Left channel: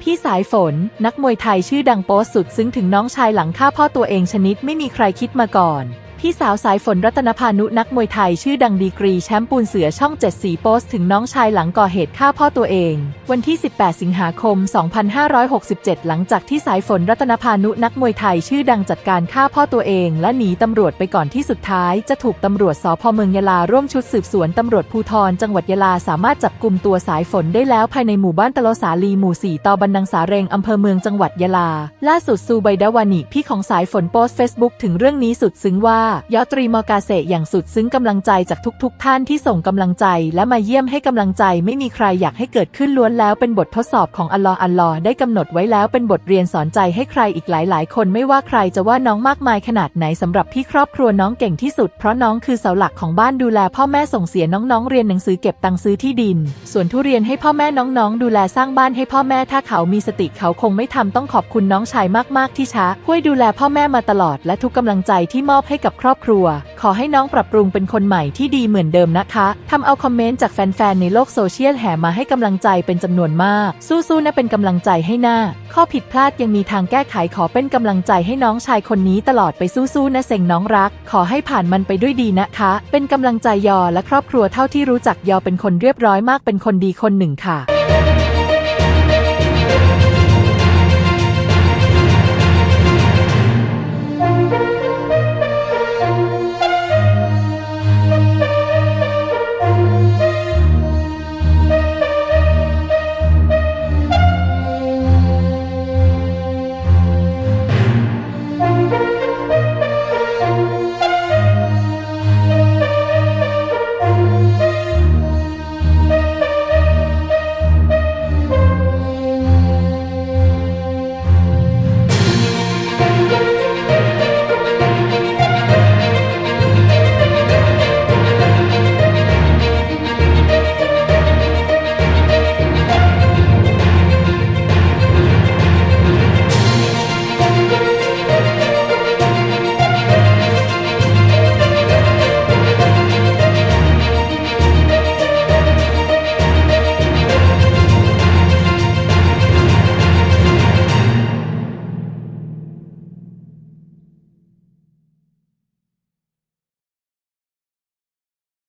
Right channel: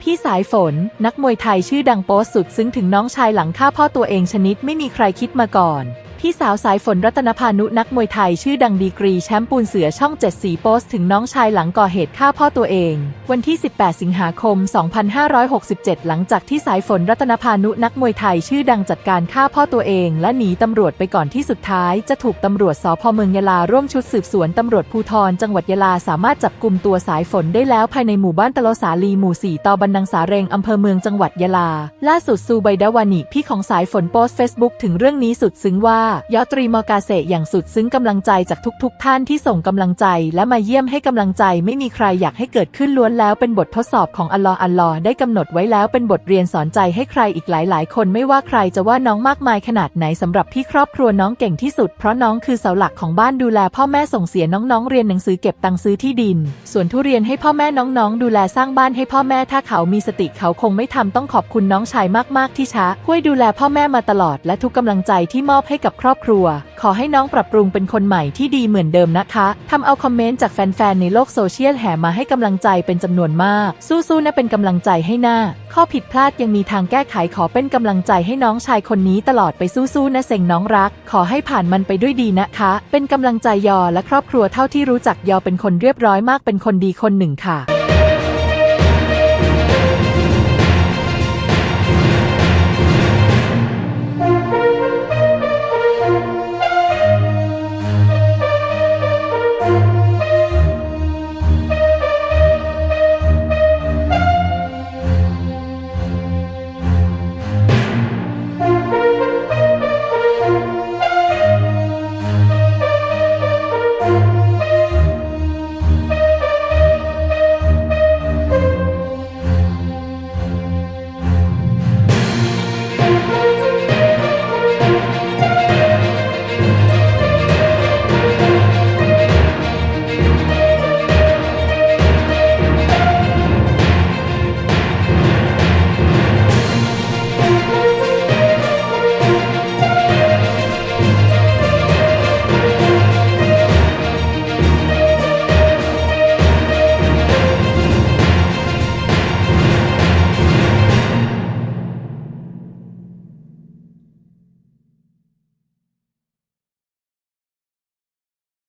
พี่สายฝน นักมวยไทยชื่อดังโพสต์สุด ซึ้งถึงน้องชายหลังฆ่าพ่อตัวเองชนิดไม่มีใครคิดมาก่อน พี่สาวสายฝนรัตนพานุนักมวยไทยชื่อดังดีกรีแชมป์ปูนเสือช่องเจ็ดสีโพสต์ถึงน้องชายหลังก่อเหตุฆ่าพ่อตัวเอง วันที่ 18 สิงหาคม 2567 หลังจากที่สายฝนรัตนพานุนักมวยไทยชื่อดังจัดการฆ่าพ่อตัวเอง และหนีตำรวจไปก่อนที่สุดท้ายจะถูกตำรวจสพเมืองยะลาร่วมชุดสืบสวนตำรวจภูธรจังหวัดยะลาสามารถจับกลุ่มตัวสายฝนได้แล้วภายในหมู่บ้านตะโลสาลีหมู่ 4ตอบันนังสาเรงอำเภอเมืองจังหวัดยะลา ล่าสุดซูไบดาวานิพี่ของสายฝนโพสต์เฟซบุ๊กถึงเรื่องนี้สุดซึ้งว่ายอตรีมอกาเซอย่างสุดซึ้งกำลังใจจากทุกๆทท่านที่ส่งกำลังใจ และมาเยี่ยมให้กำลังใจไม่มีใครอยากให้เกิดขึ้นล้วนแล้วเป็นบททดสอบของอัลลอฮ์อัลลอฮ์ได้กำหนดไว้แล้วเป็นบทเรียนสอนใจให้ใครอีกหลาย ๆ คนไม่ว่าใครจะว่าน้องมากมายขนาดไหนสำหรับพี่ครอบครัวน้องเก่งที่สุดเพราะน้องคือเสาหลักของบ้านดูแล พ่อแม่ส่งเสียน้อง ๆ เรียนหนังสือเก็บตังค์ซื้อที่ดิน ส่วนทุเรียนให้พ่อแม่น้องๆ ดูแลสร้างบ้านให้พ่อแม่ถ้าเขามีสติเขาคงไม่ทำต้องขอบคุณน้องชายมาก ๆ ที่ช้าช่วยดูแลพ่อแม่มาตลอดและทุกกำลังใจที่มอบให้กับครอบครัว ขอให้น้องปรับปรุงเป็นคนใหม่ที่ดีเหมือนเดิมนะคะทำเอาคอมเมนต์จากแฟนๆ ในโลกโซเชียลแห่มาให้กำลังใจเป็นจำนวนมาก สู้ๆนะเป็นกำลังใจให้หน้า ข้อผิดพลาดยังมีทางแก้ไขขอเป็นกำลังใจให้น้องชายคนนี้ตลอดไปสู้ๆนะเซ็งน้องรัก ขอให้ผ่านมันไปด้วยดีนะคะ เป็นกำลังใจยอและครอบครัวเท่าที่รู้จักยอเป็นคนเรียบร้อยมากเป็นคนดีคนหนึ่งค่ะ